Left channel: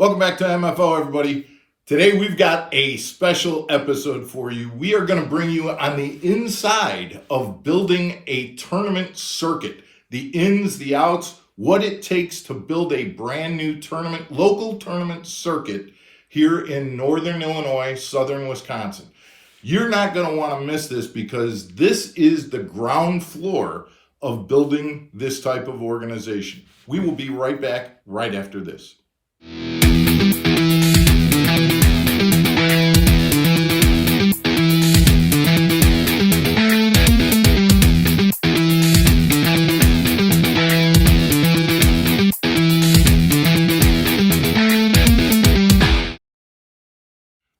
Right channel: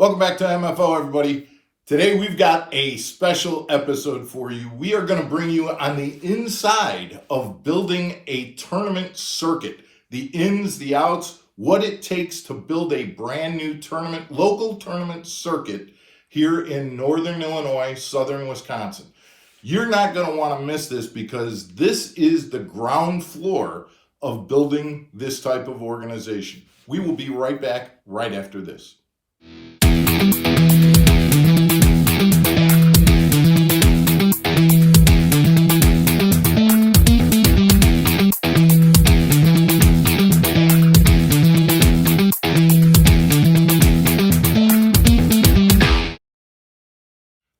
Welcome back to MFO, everybody. Today we've got a special episode for you. We are going to bring you on the inside of building a tournament circuit. The ins, the outs, what it takes to build a brand new tournament, local tournament circuit here in northern Illinois, southern Wisconsin. You're not going to want to miss this because this is the ground floor of building this type of organization. We will be right back right after this.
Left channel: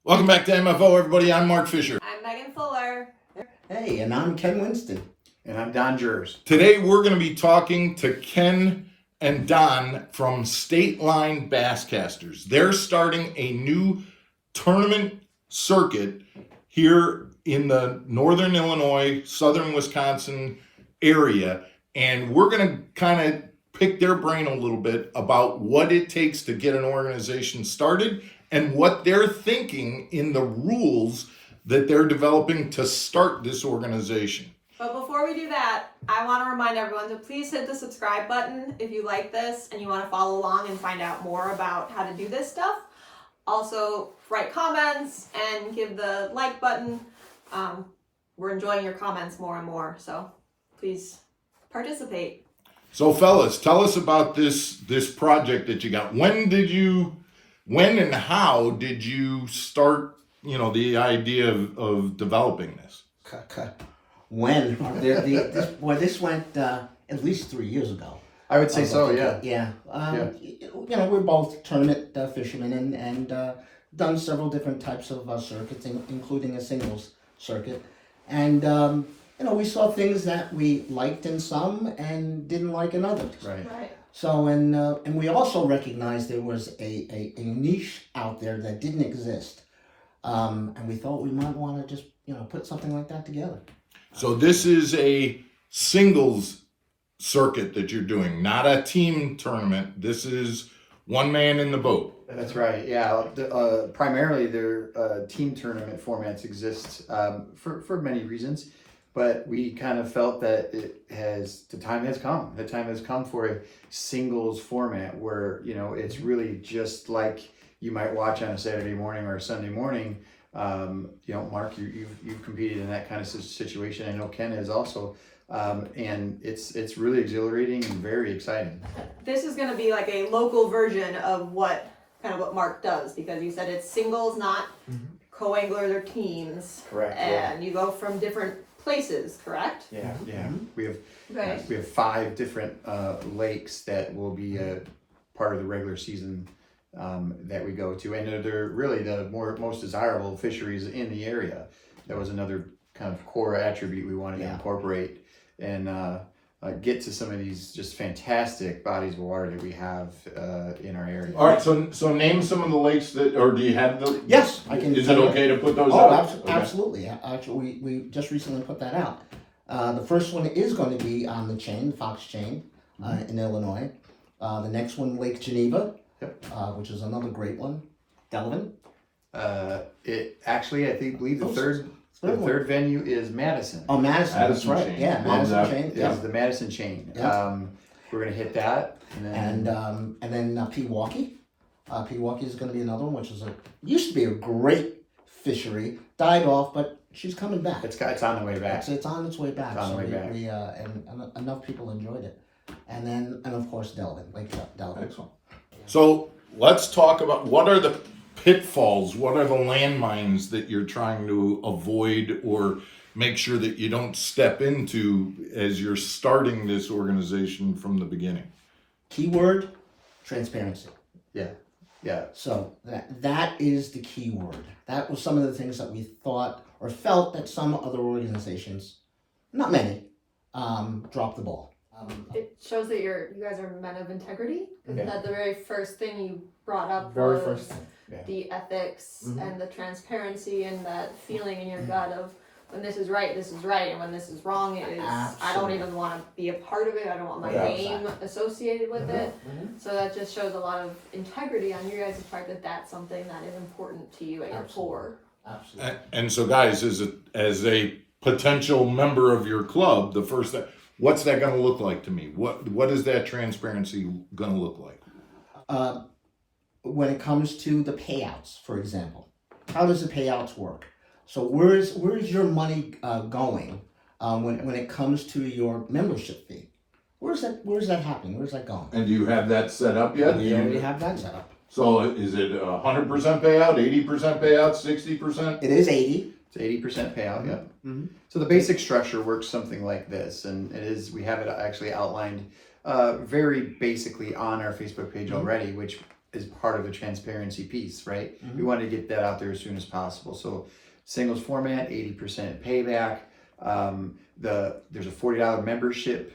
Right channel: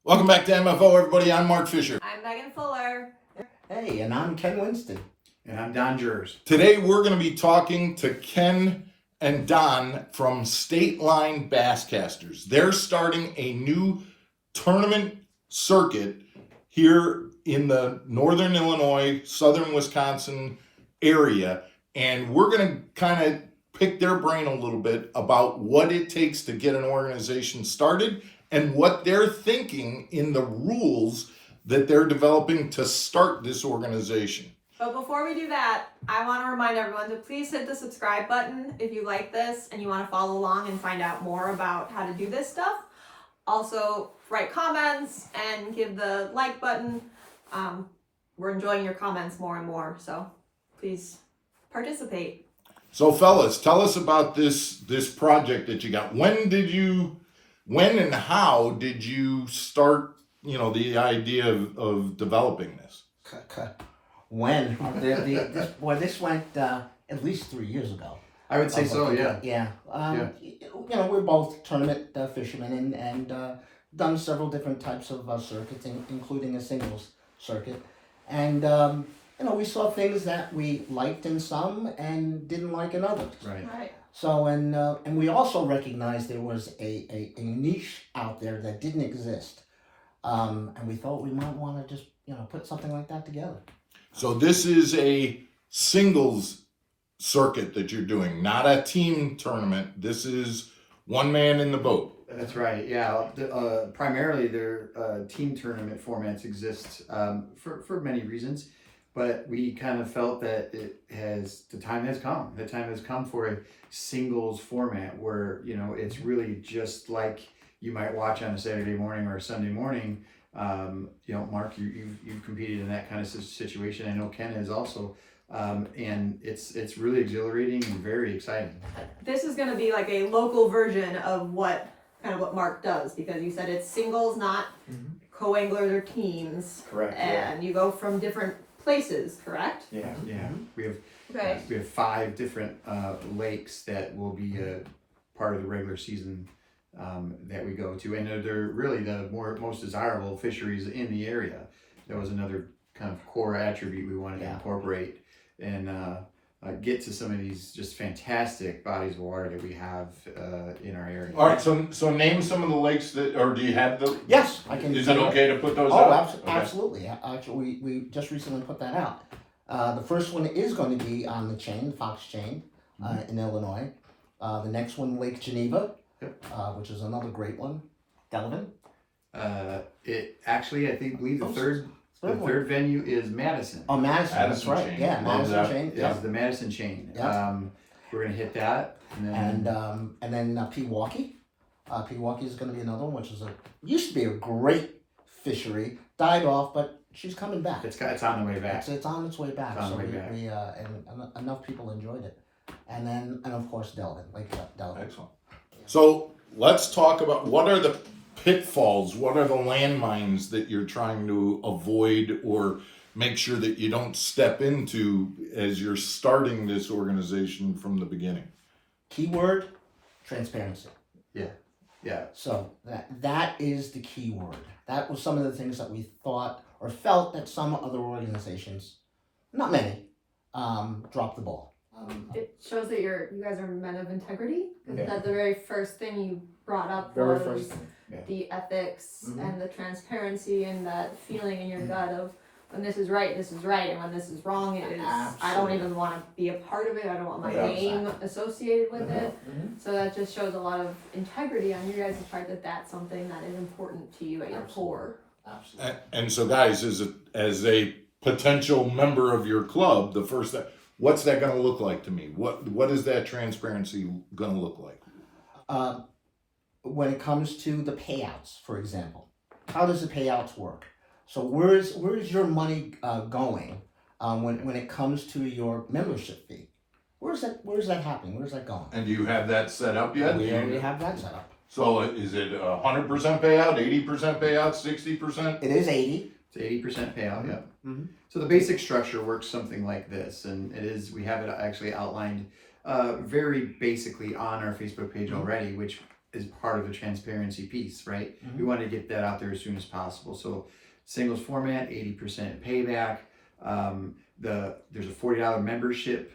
Welcome back to MFO, everybody. I'm Mark Fisher. I'm Megan Fuller. Hey, and I'm Ken Winston. And I'm Don Jurs. Today we're going to be talking to Ken and Don from State Line Basscasters. They're starting a new tournament circuit here in the northern Illinois, southern Wisconsin area. And we're going to kind of pick their brain a little bit about what it takes to get an organization started and what they're thinking in the rules that they're developing to start this organization. But before we do that, I want to remind everyone to please hit the subscribe button if you like this and you want to follow along and find out more about how to do this stuff. Also, write comments and give the like button. We're enjoying your comments more and more, so please participate. So fellas, tell us about this project that you got. When and how did you start, the idea of developing this? When? This went at least 3 years ago. I would say so, yeah. Yeah. We're both tournament fishermen and done several different types of circuits, including a singles circuit. And, we saw things that we liked in some and didn't like in others. Right. So, and we also recognized there was a niche out there that didn't exist. And we thought we might want to just, put something like that together. So this is a singles circuit that you're doing, not a team tournament. This is one man in the boat. That's right, yeah. Primarily, their team tournament formats exist for many reasons, but we kind of felt that the time has come. The time has come for a singles format where, it's really just like you might watch on a Saturday morning or a Sunday morning. Mark, you've competed in that kind of situation. I know Ken has also, and it's really exhilarating and very exciting. This is going to be like a local version of what Mark does, because you said it's singles, not co-anglers or teams. Correct. And you go from different places, correct? Yeah. Mm-hmm. We have 5 different lakes that will be a part of the regular season that we go to, and they're really the most desirable fisheries in the area. That was another kind of core attribute we wanted to incorporate and get to some of these just fantastic bodies of water that we have in our area. All right, so name some of the lakes or do you have the? Yes, I can. Is it okay to put those out? out? Absolutely. Actually, we just recently put that out. The first one is going to be on the chain, Fox Chain, in Illinois. The next one, Lake Geneva. Yep. Which is another great one. Delavan. I believe the third venue is Madison. Oh, Madison. That's right. Chain. Yeah, Madison Chain. Yeah, the Madison Chain. Yeah. We're gonna hit that, and then Pewaukee. Pewaukee is going to be another one, which used to be a great fishery. Died off, but she's coming back. It's on the way back. It's on its way back. It's on the way back. And enough people enjoyed it. And of course Delavan, Lake Delavan. Excellent. So let's talk about what are the pitfalls, what are the landmines that you're trying to avoid or make sure that you don't step into as you're starting this organization from the beginning? Keyword, transparency. Yeah. So that is the key word. That was some of the things that we thought or felt that some other organizations, not many, dropped the ball. It shows that you guys are men of integrity. Okay. That the very first thing you brought up Very was first thing. Yeah. the ethics and the transparency and that feeling in your gut of when this is right, and when this is wrong, it is. I don't Absolutely. even want to be a part of it. I don't want my Yeah, name associated with it. Mhm. So that just shows a lot of integrity on your guys' part that that's something that is important to you at your core. Absolutely. And so, guys, as a potential member of your club, what's that going to look like to me? What is that transparency going to look like? When it comes to the payouts, for example, how does the payouts work? So where's your money going when it comes to your membership fee? Where's that happening? Where's that going? And do you have that set up yet? We already have that set up. So is it 100% payout, 80% payout, 60%? It is 80. It's 80% payout. Yeah. Mhm. So the basic structure works something like this, and we have it actually outlined very basically on our Facebook page already, which is part of the transparency piece, right? We wanted to get that out there as soon as possible. So singles format, 80% payback. There's a $40 membership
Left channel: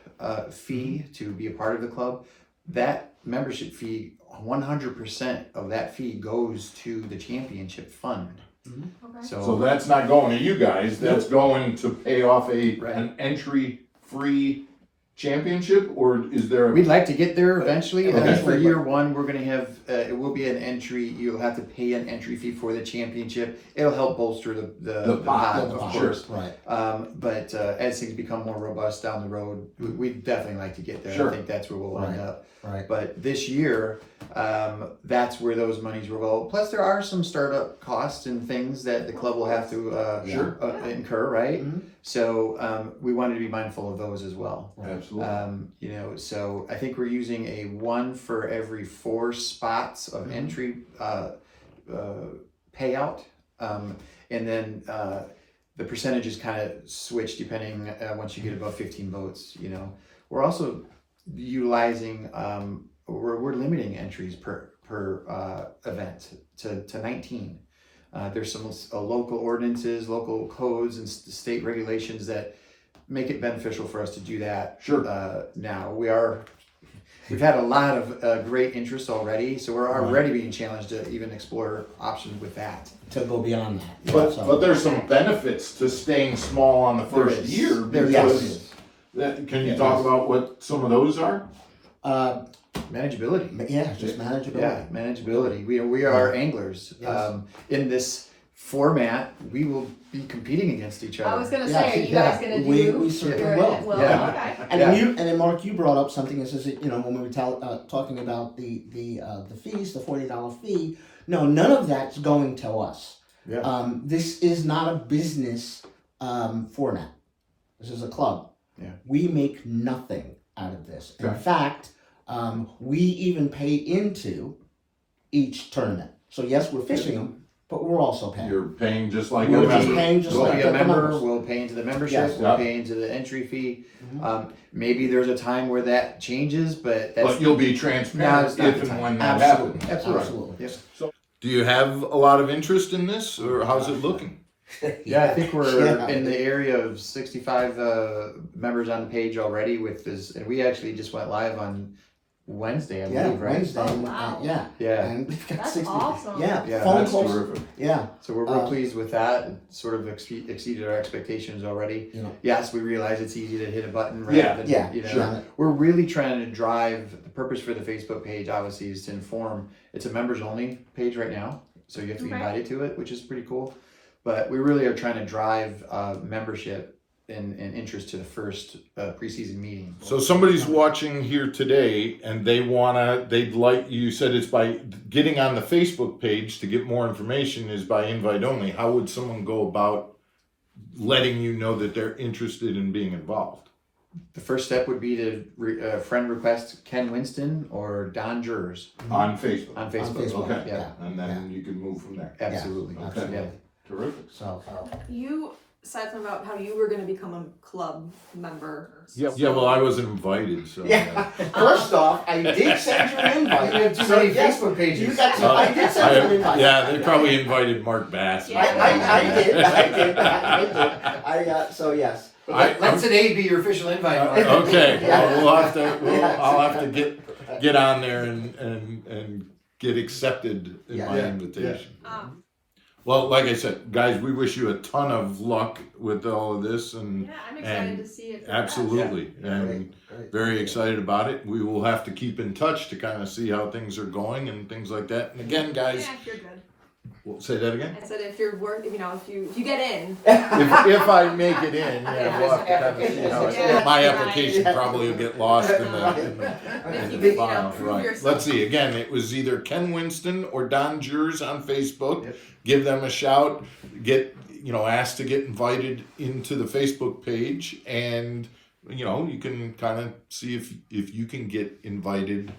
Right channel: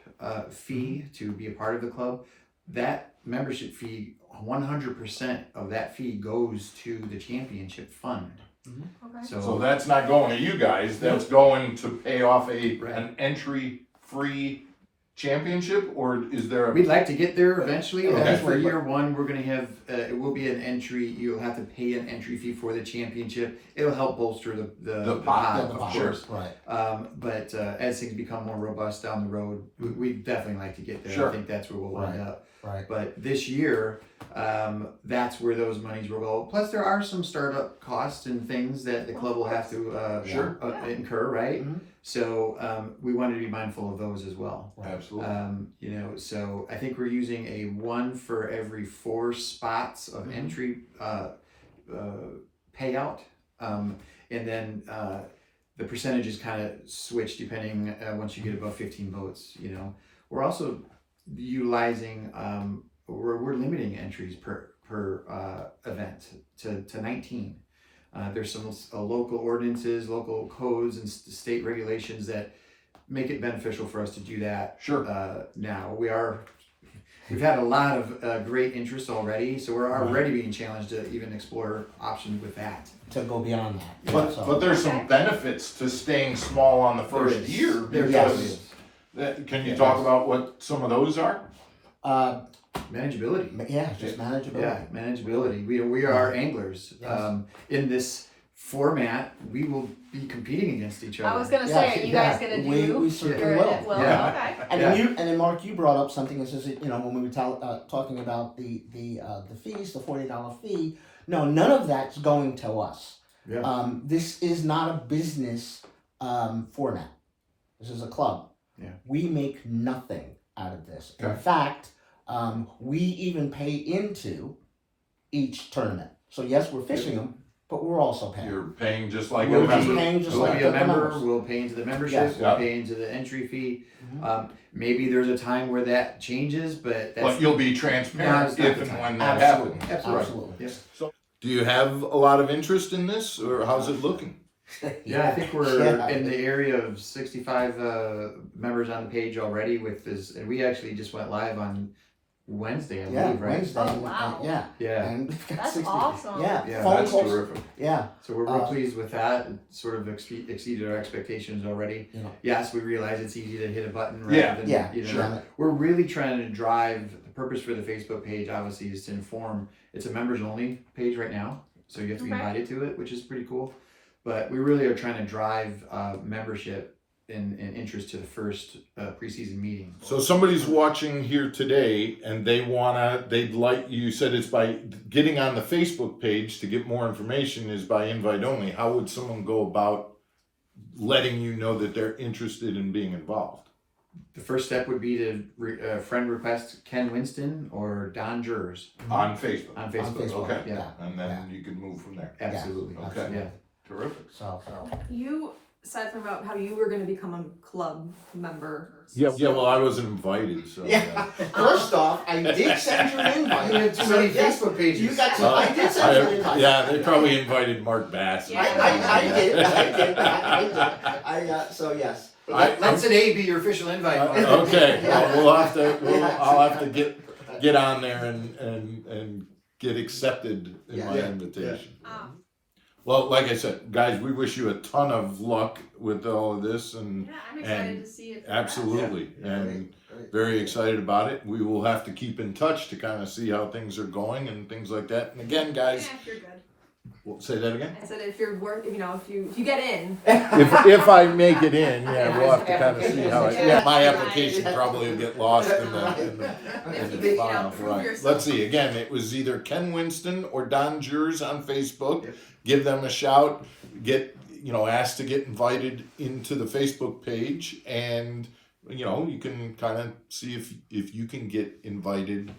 fee to be a part of the club. That membership fee, 100% of that fee goes to the championship fund. Okay. So that's not going to you guys. That's going to pay off Right. an entry-free championship, or is there? We'd like to get there eventually. I think for Eventually, year one, we're going to have, it will be an entry. You'll have to pay an entry fee for the championship. It'll help bolster the pot, The of pot, course. right. But as things become more robust down the road, we'd definitely like to get there. Sure. I think that's where we'll wind up. Right. But this year, that's where those monies will go. Plus, there are some startup costs and things that the club will have to incur, right? Mhm. So we wanted to be mindful of those as well. Absolutely. So I think we're using a 1 for every 4 spots of entry payout, and then the percentages kind of switch depending once you get above 15 votes. We're also utilizing we're limiting entries per event to 19. There's some local ordinances, local codes, and state regulations that make it beneficial for us to do that. Sure. Now we've had a lot of great interest already, so we're already being challenged to even explore options with that. To go beyond that. But there's some benefits to staying small on the first is. year, There because is. can you talk about what some of those are? Manageability. Yeah, just manageability. Yeah, manageability. We are anglers. Yes. In this format, we will be competing against each other. I was gonna Yeah, say, are you yeah, guys gonna do? we certainly will. Yeah. Okay. And Yeah. then Mark, you brought up something that says that, when we were talking about the fees, the $40 fee. No, none of that's going to us. Yeah. This is not a business format. This is a club. Yeah. We make nothing out of this. In Okay. fact, we even pay into each tournament. So yes, we're fishing them, but we're also paying. You're paying just like We're a just member. paying just We'll like be the a member. members. We'll pay into the membership. Yes. We'll Yeah. pay into the entry fee. Mhm. Maybe there's a time where that changes, but that's But you'll be transparent it's not if the and time. when that Absolutely. happens. absolutely. Absolutely. Yep. Do you have a lot of interest in this, or how's it looking? Yeah, I think we're Yeah. in the area of 65 members on the page already with this, and we actually just went live on Wednesday, I Yeah, believe, right? Wednesday. Oh, wow. Yeah. Yeah. And we've got That's 60. awesome. Yeah. Yeah, Phone That's calls. terrific. Yeah. So we're real pleased with that. It sort of exceeded our expectations already. Yes, we realize it's easy to hit a button rather Yeah. than, Yeah. sure. We're really trying to drive, the purpose for the Facebook page obviously is to inform. It's a members only page right now, so you have to be Okay. invited to it, which is pretty cool. But we really are trying to drive membership and interest to the first preseason meeting. So somebody's watching here today, and they'd like, you said it's by getting on the Facebook page to get more information is by invite only. How would someone go about letting you know that they're interested in being involved? The first step would be to friend request Ken Winston or Don Jurs On Facebook. on Facebook. Facebook. Okay. Yeah, And then you can move from there. absolutely. Yeah. Okay. Yeah. Terrific. So. You said something about how you were going to become a club member. Yeah, well, I wasn't invited, so. Yeah. First off, I did send you an invite. You have too many Facebook pages. You got to, I did send you an invite. Yeah, they probably invited Mark Bass. I did. So yes. Let today be your official invite. Okay, Yeah. I'll have to get on there and get accepted in Yeah. my Yeah. invitation. Well, like I said, guys, we wish you a ton of luck with all of this, and Yeah, I'm excited and to see it. absolutely, and Great. very excited about it. We will have to keep in touch to kind of see how things are going and things like that. And again, guys, Yeah, if you're good. say that again. I said if you're if you get in. If I make it in, yeah, we'll have to kind of see how Yeah. my application probably will get lost in the file. Right. Let's see. Again, it was either Ken Winston or Don Jurs on Facebook. Give them a shout. Ask to get invited into the Facebook page, and you can kind of see if you can get invited.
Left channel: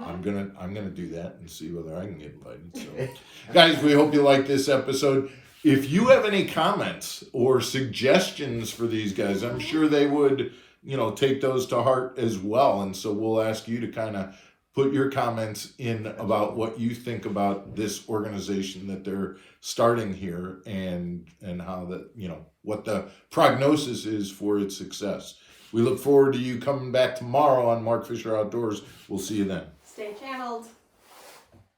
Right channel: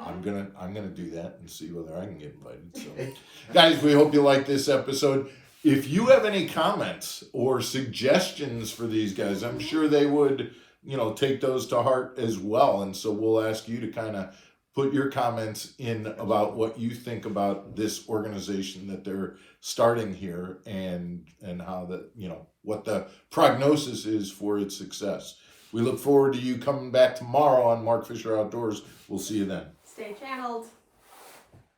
I'm gonna do that and see whether I can get invited. So, guys, we hope you like this episode. If you have any comments or suggestions for these guys, I'm sure they would, take those to heart as well. And so we'll ask you to kind of put your comments in about what you think about this organization that they're starting here, and how that, what the prognosis is for its success. We look forward to you coming back tomorrow on Mark Fisher Outdoors. We'll see you then. Stay channeled.